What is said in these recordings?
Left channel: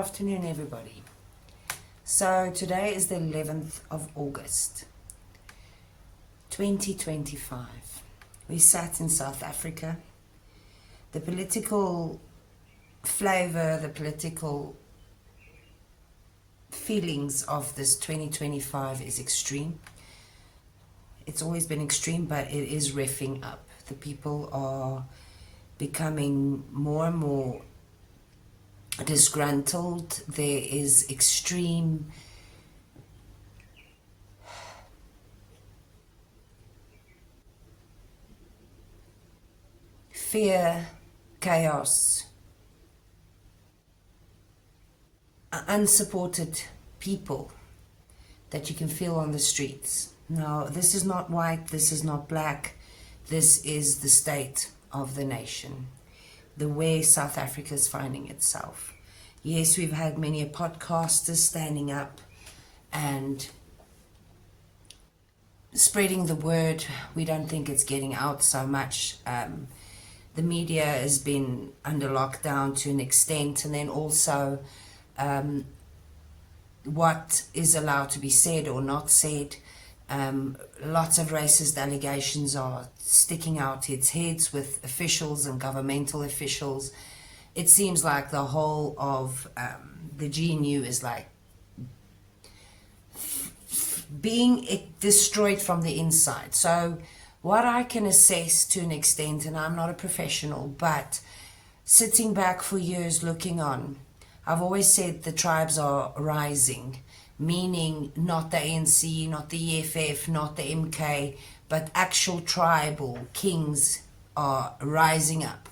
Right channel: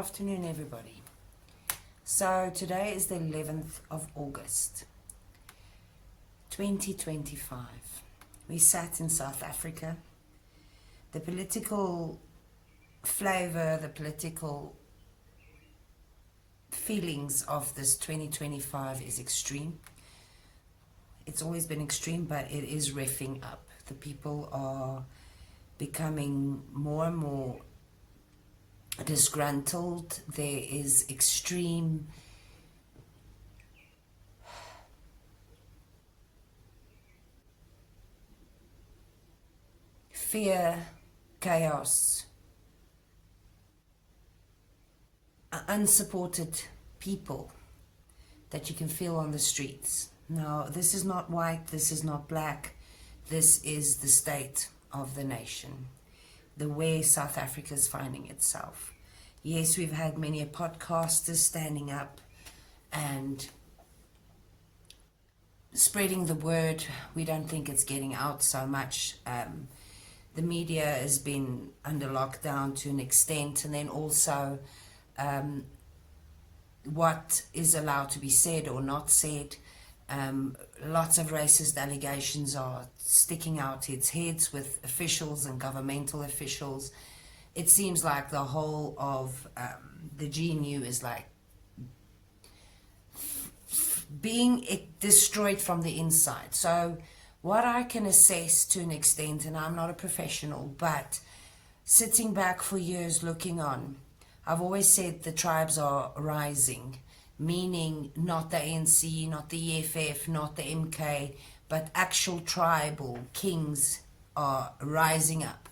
afternoon, everybody. So today is the 11th of August 2025. We sat in South Africa. The political flavor, the political feelings of this 2025 is extreme. It's always been extreme, but it is reffing up. The people are becoming more and more disgruntled. There is extreme fear, chaos, unsupported people that you can feel on the streets. Now, this is not white, this is not black, this is the state of the nation, the way South Africa is finding itself. Yes, we've had many podcasters standing up and spreading the word. We don't think it's getting out so much. The media has been under lockdown to an extent, and then also what is allowed to be said or not said. Lots of racist allegations are sticking out its heads with officials and governmental officials. It seems like the whole of the GNU is like being destroyed from the inside. So what I can assess to an extent, and I'm not a professional, but sitting back for years looking on, I've always said the tribes are rising, meaning not the ANC, not the EFF, not the MK, but actual tribal kings are rising up.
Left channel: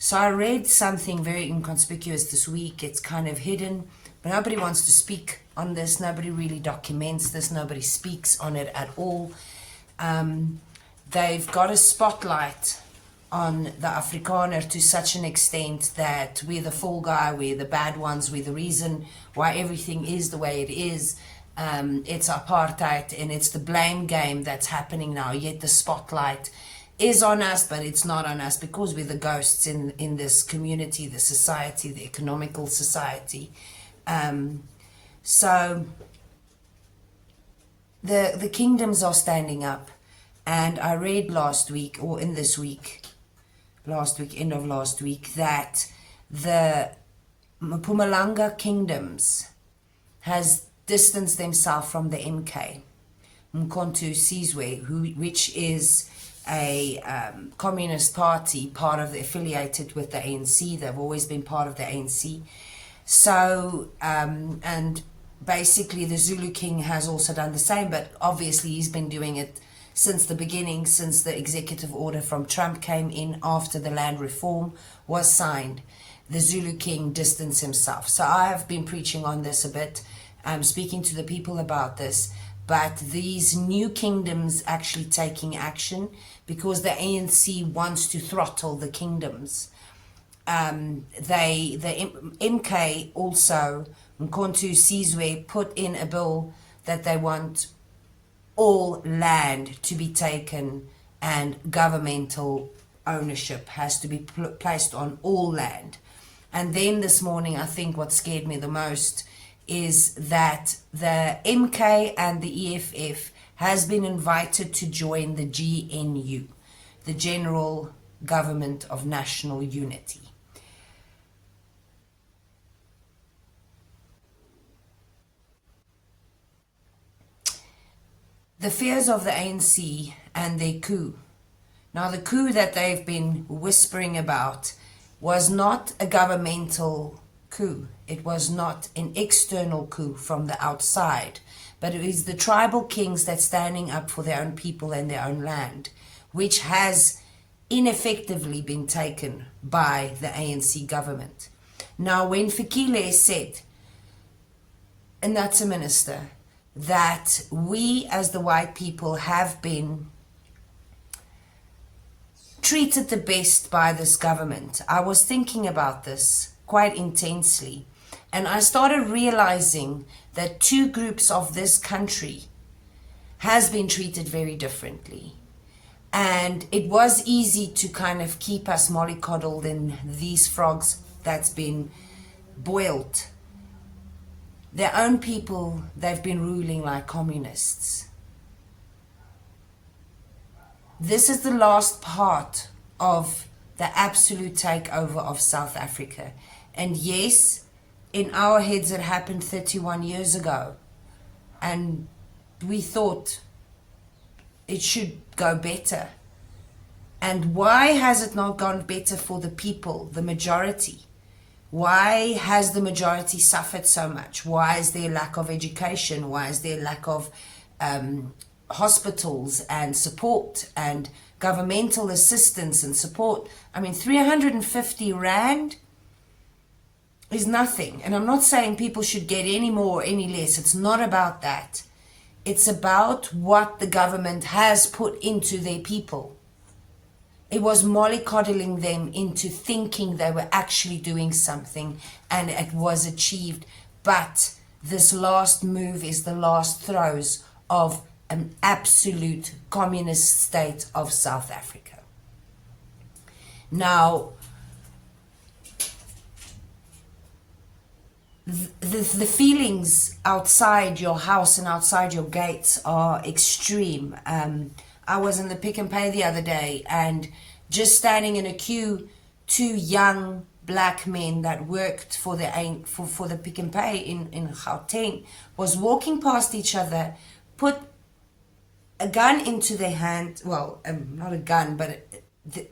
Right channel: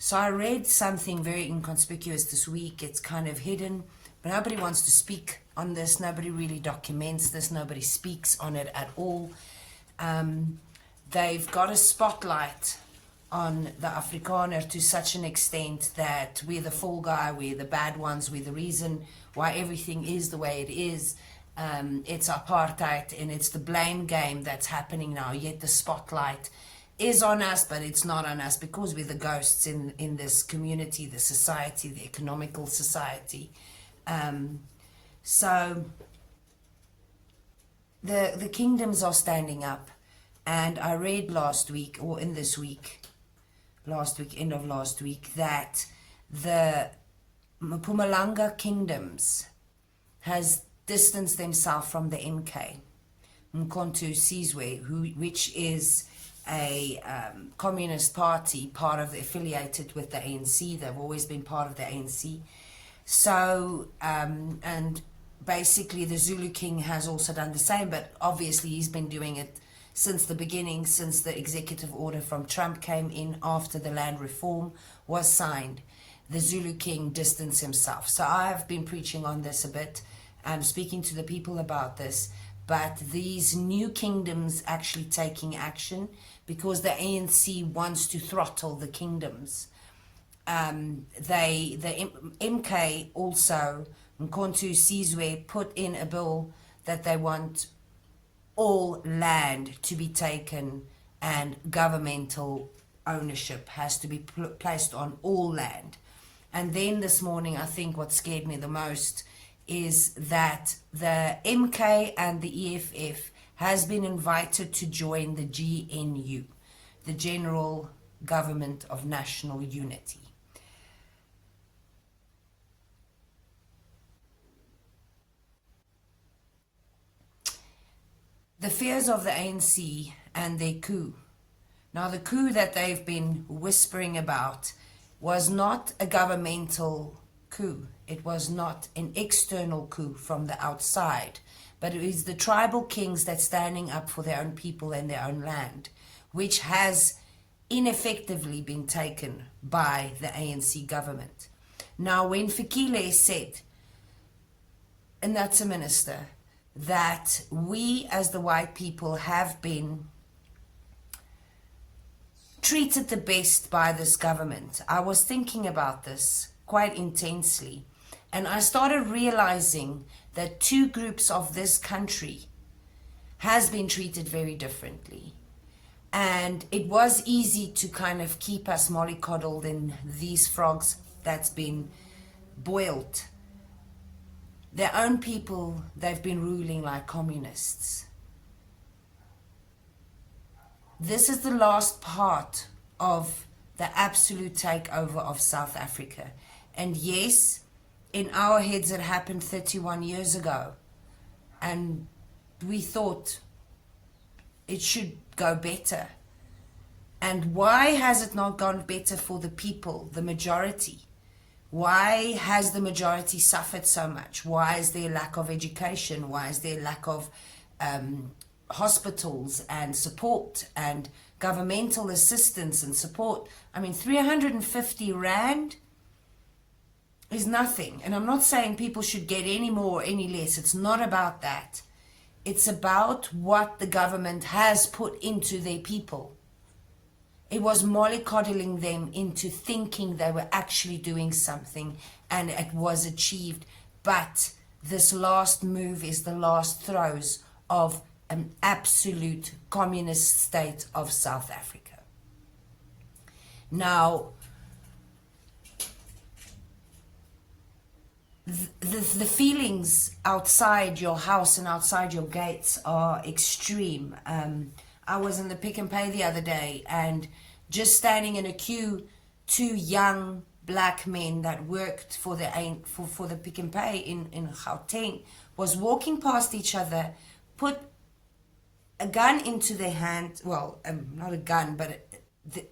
So I read something very inconspicuous this week. It's kind of hidden, but nobody wants to speak on this. Nobody really documents this. Nobody speaks on it at all. They've got a spotlight on the Afrikaner to such an extent that we're the fall guy, we're the bad ones, we're the reason why everything is the way it is. It's apartheid and it's the blame game that's happening now, yet the spotlight is on us, but it's not on us because we're the ghosts in this community, the society, the economical society. So the kingdoms are standing up, and I read last week, or in this week, end of last week, that the Mpumalanga kingdoms has distanced themselves from the MK, Mkhonto Sizwe, which is a communist party, affiliated with the ANC. They've always been part of the ANC. So, and basically the Zulu king has also done the same, but obviously he's been doing it since the beginning, since the executive order from Trump came in after the land reform was signed. The Zulu king distanced himself. So I have been preaching on this a bit, speaking to the people about this, but these new kingdoms actually taking action because the ANC wants to throttle the kingdoms. The MK also, Mkhonto Sizwe, put in a bill that they want all land to be taken and governmental ownership has to be placed on all land. And then this morning, I think what scared me the most is that the MK and the EFF has been invited to join the GNU, the General Government of National Unity. The fears of the ANC and their coup. Now, the coup that they've been whispering about was not a governmental coup. It was not an external coup from the outside, but it is the tribal kings that's standing up for their own people and their own land, which has ineffectively been taken by the ANC government. Now, when Fikile said, and that's a minister, that we as the white people have been treated the best by this government, I was thinking about this quite intensely, and I started realizing that two groups of this country has been treated very differently. And it was easy to kind of keep us mollycoddled in these frogs that's been boiled their own people, they've been ruling like communists. This is the last part of the absolute takeover of South Africa. And yes, in our heads it happened 31 years ago. And we thought it should go better. And why has it not gone better for the people, the majority? Why has the majority suffered so much? Why is there lack of education? Why is there lack of hospitals and support and governmental assistance and support? I mean, 350 Rand is nothing. And I'm not saying people should get any more or any less. It's not about that. It's about what the government has put into their people. It was mollycoddling them into thinking they were actually doing something, and it was achieved. But this last move is the last throes of an absolute communist state of South Africa. Now, the feelings outside your house and outside your gates are extreme. I was in the Pick and Pay the other day, and just standing in a queue, two young black men that worked for the Pick and Pay in Gauteng was walking past each other, put a gun into their hand, well, not a gun, but the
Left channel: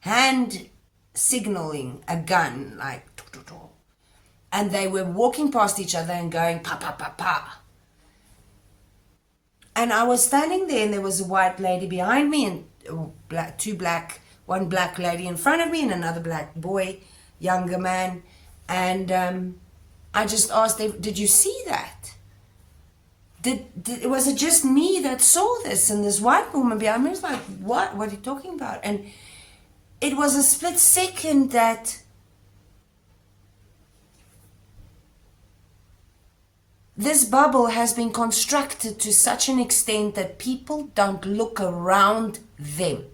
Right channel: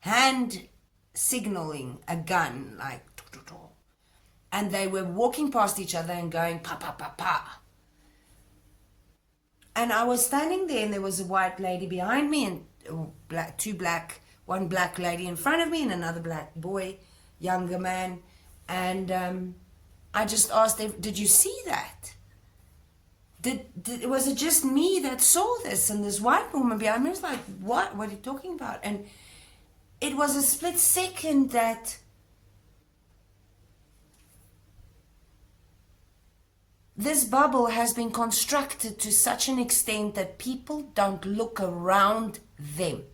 hand signaling a gun, like, and they were walking past each other and going, pa, pa, pa, pa. And I was standing there, and there was a white lady behind me, and one black lady in front of me, and another black boy, younger man. And I just asked them, did you see that? Was it just me that saw this? And this white woman behind me was like, what? What are you talking about? And it was a split second that this bubble has been constructed to such an extent that people don't look around them.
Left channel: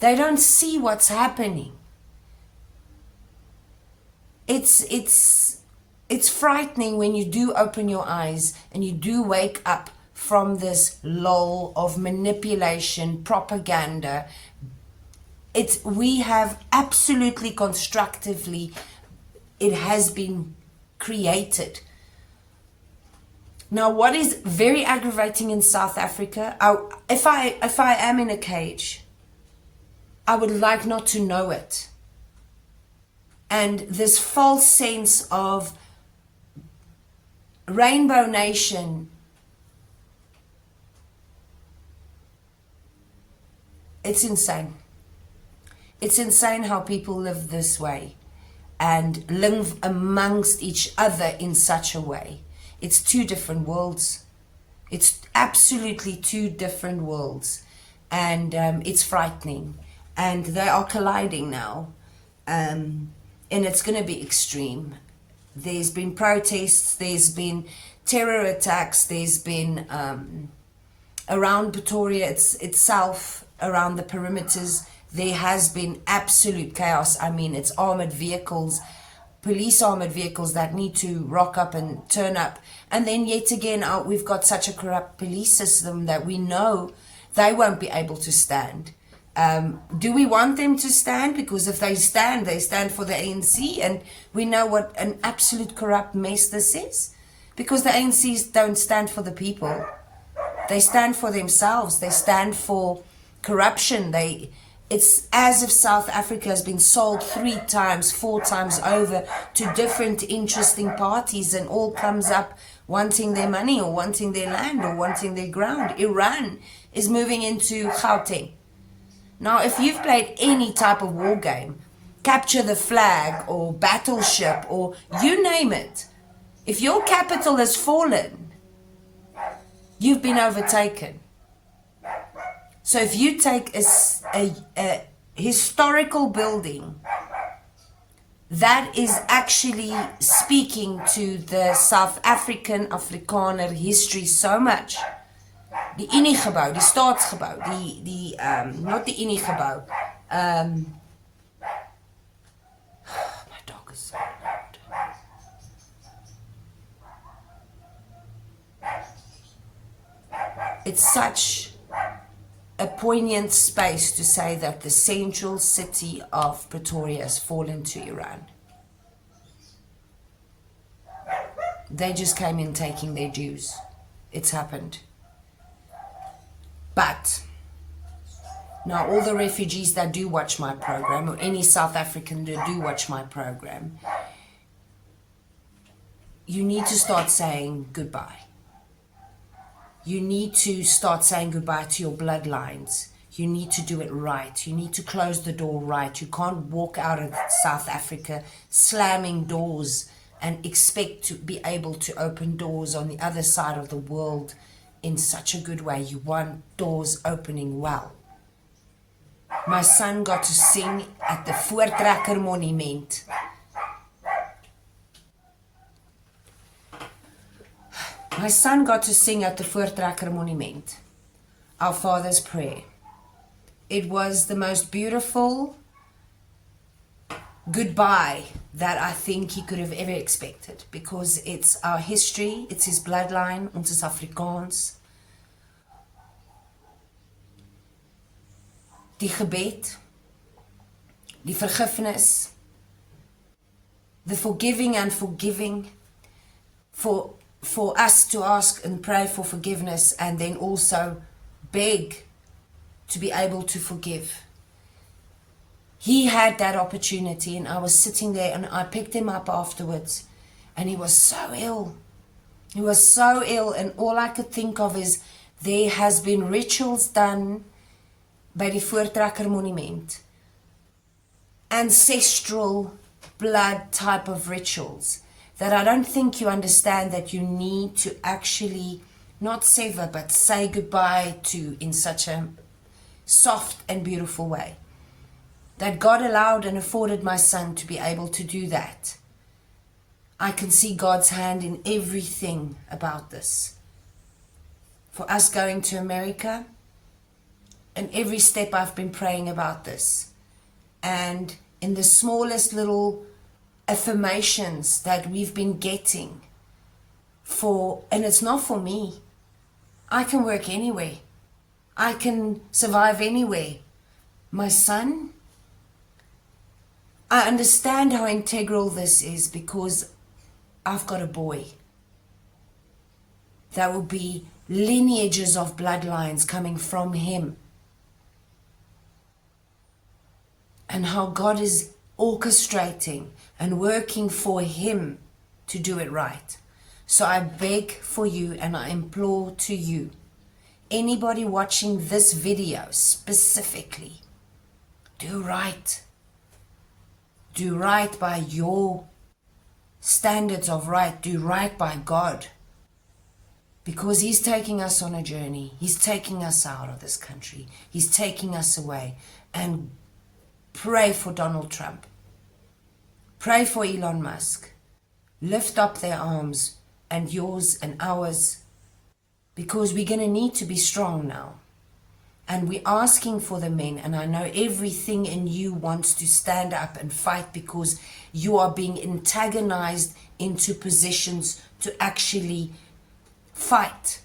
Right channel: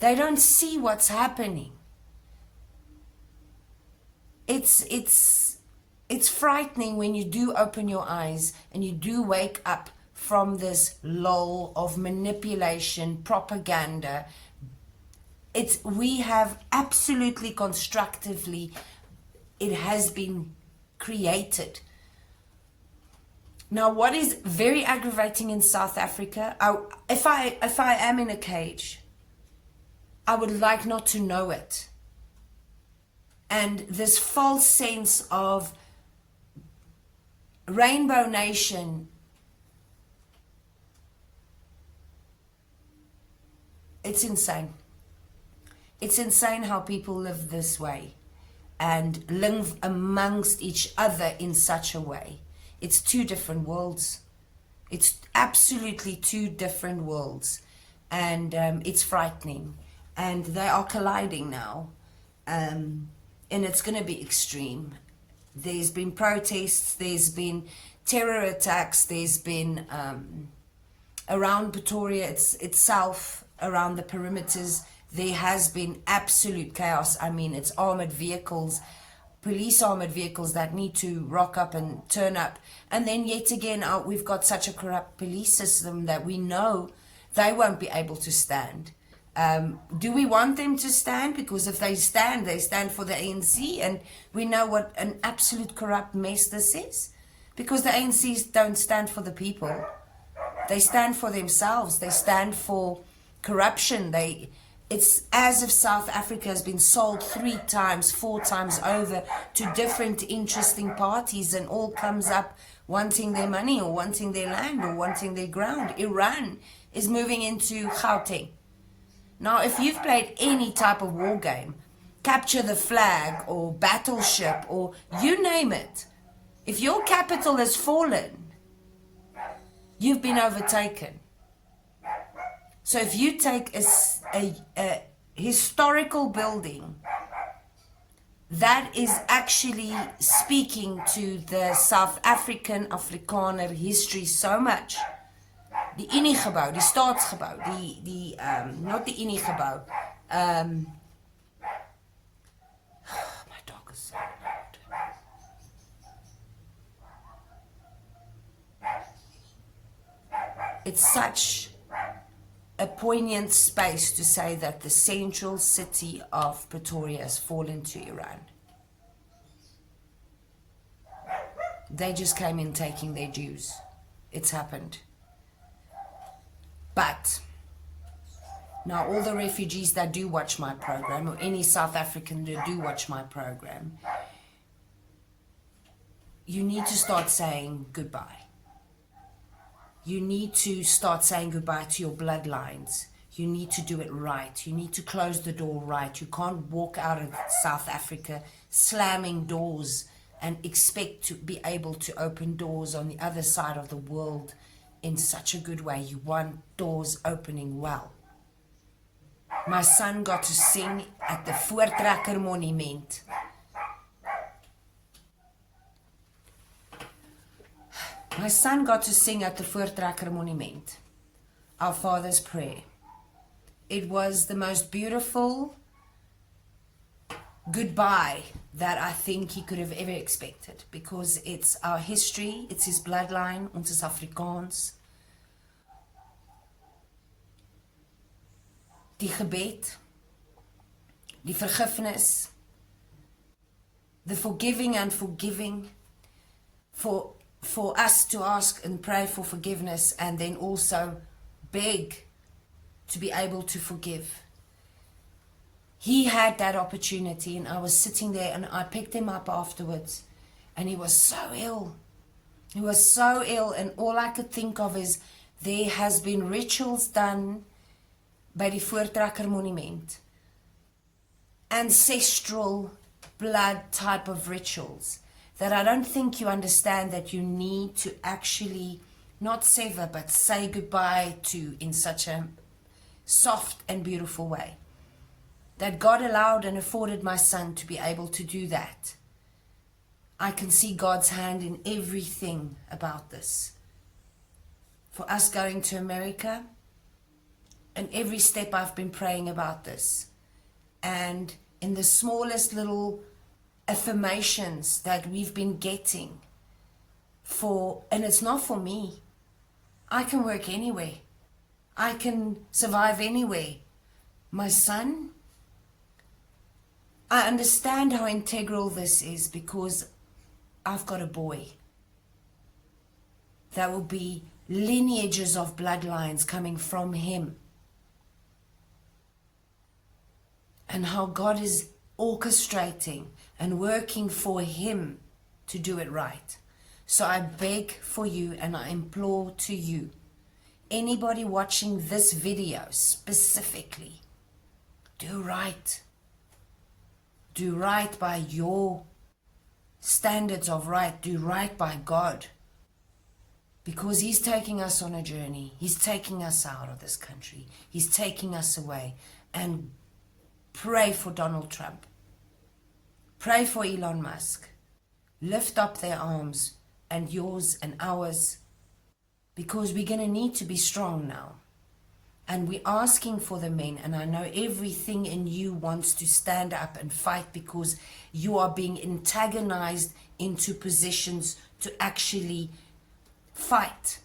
They don't see what's happening. It's frightening when you do open your eyes and you do wake up from this lull of manipulation, propaganda. We have absolutely constructively, it has been created. Now, what is very aggravating in South Africa, if I am in a cage, I would like not to know it. And this false sense of Rainbow Nation, it's insane. It's insane how people live this way and live amongst each other in such a way. It's two different worlds. It's absolutely two different worlds. And it's frightening. And they are colliding now. And it's going to be extreme. There's been protests, there's been terror attacks, there's been around Pretoria itself, around the perimeters, there has been absolute chaos. I mean, it's armored vehicles, police armored vehicles that need to rock up and turn up. And then yet again, we've got such a corrupt police system that we know they won't be able to stand. Do we want them to stand? Because if they stand for the ANC, and we know what an absolute corrupt mess this is. Because the ANCs don't stand for the people. They stand for themselves. They stand for corruption. It's as if South Africa has been sold 3 times, 4 times over to different interesting parties, and all comes up wanting their money or wanting their land or wanting their ground. Iran is moving into Gauteng. Now, if you've played any type of war game, capture the flag or battleship or you name it, if your capital has fallen, you've been overtaken. So if you take a historical building that is actually speaking to the South African Afrikaner history so much, die Uniegebou, die Staatsgebou, not the Uniegebou. My dog is so loud. it's such a poignant space to say that the central city of Pretoria has fallen to Iran. They just came in taking their dues. It's happened. But now all the refugees that do watch my program, or any South African that do watch my program, you need to start saying goodbye. You need to start saying goodbye to your bloodlines. You need to do it right. You need to close the door right. You can't walk out of South Africa slamming doors and expect to be able to open doors on the other side of the world in such a good way. You want doors opening well. My son got to sing at the Voortrekker Monument. My son got to sing at the Voortrekker Monument, Our Father's Prayer. It was the most beautiful goodbye that I think he could have ever expected, because it's our history, it's his bloodline, ons is Afrikaans. Die gebed, die vergifnis, the forgiving and forgiving, for us to ask and pray for forgiveness and then also beg to be able to forgive. He had that opportunity, and I was sitting there and I picked him up afterwards, and he was so ill. He was so ill, and all I could think of is there has been rituals done by the Voortrekker Monument. Ancestral blood type of rituals that I don't think you understand that you need to actually not sever but say goodbye to in such a soft and beautiful way. That God allowed and afforded my son to be able to do that. I can see God's hand in everything about this. For us going to America, and every step I've been praying about this. And in the smallest little affirmations that we've been getting and it's not for me. I can work anywhere. I can survive anywhere. My son, I understand how integral this is because I've got a boy. There will be lineages of bloodlines coming from him. And how God is orchestrating and working for him to do it right. So I beg for you and I implore to you, anybody watching this video specifically, do right. Do right by your standards of right. Do right by God. Because he's taking us on a journey. He's taking us out of this country. He's taking us away. And pray for Donald Trump. Pray for Elon Musk. Lift up their arms, and yours and ours, because we're going to need to be strong now. And we're asking for the men, and I know everything in you wants to stand up and fight because you are being antagonized into positions to actually fight.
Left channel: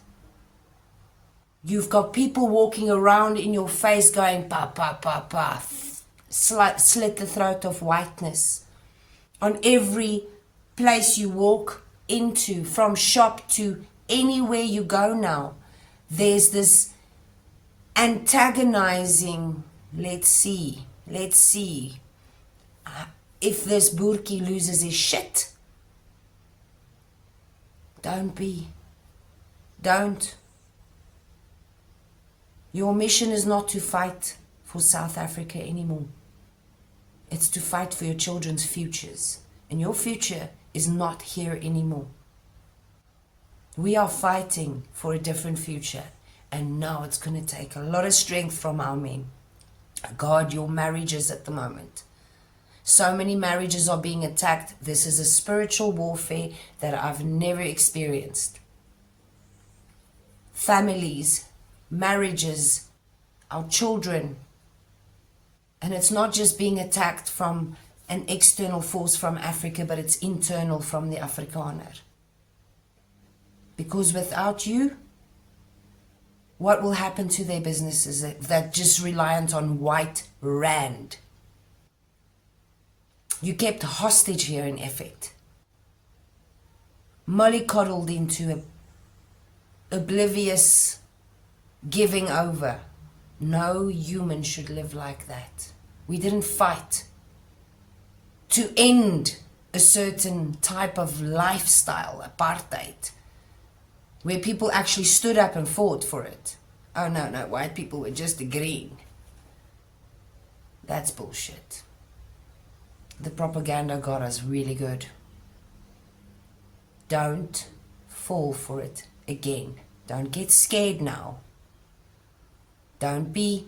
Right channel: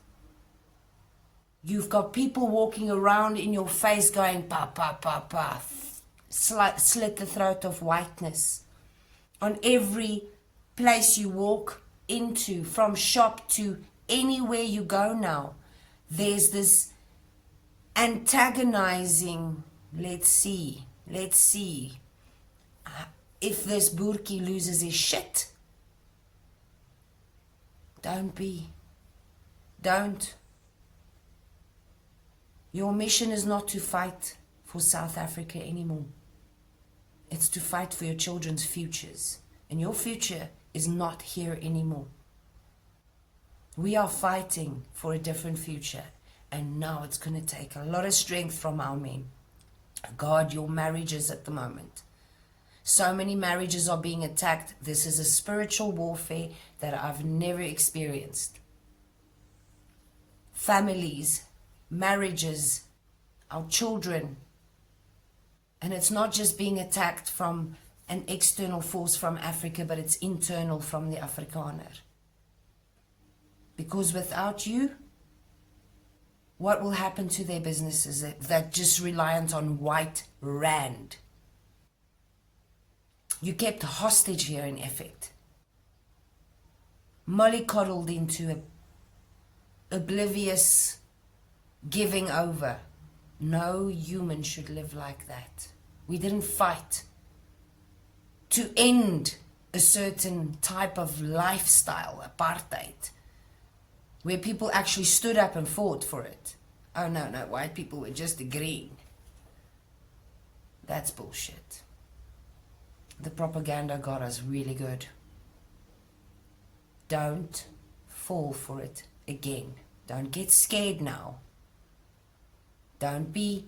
You've got people walking around in your face going, pa, pa, pa, pa, slit the throat of whiteness. On every place you walk into, from shop to anywhere you go now, there's this antagonizing, let's see if this Burki loses his shit. Don't. Your mission is not to fight for South Africa anymore. It's to fight for your children's futures. And your future is not here anymore. We are fighting for a different future. And now it's going to take a lot of strength from our men. God, your marriages at the moment. So many marriages are being attacked. This is a spiritual warfare that I've never experienced. Families, marriages, our children. And it's not just being attacked from an external force from Africa, but it's internal from the Afrikaner. Because without you, what will happen to their businesses that just reliant on white rand? You kept hostage here in effect. Mollycoddled into oblivious giving over. No human should live like that. We didn't fight to end a certain type of lifestyle, apartheid, where people actually stood up and fought for it. Oh no, white people were just agreeing. That's bullshit. The propaganda got us really good. Don't fall for it again. Don't get scared now. Don't be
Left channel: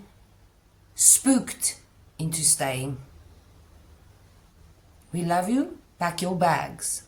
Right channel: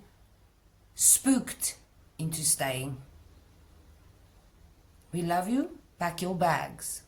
spooked into staying. We love you. Pack your bags.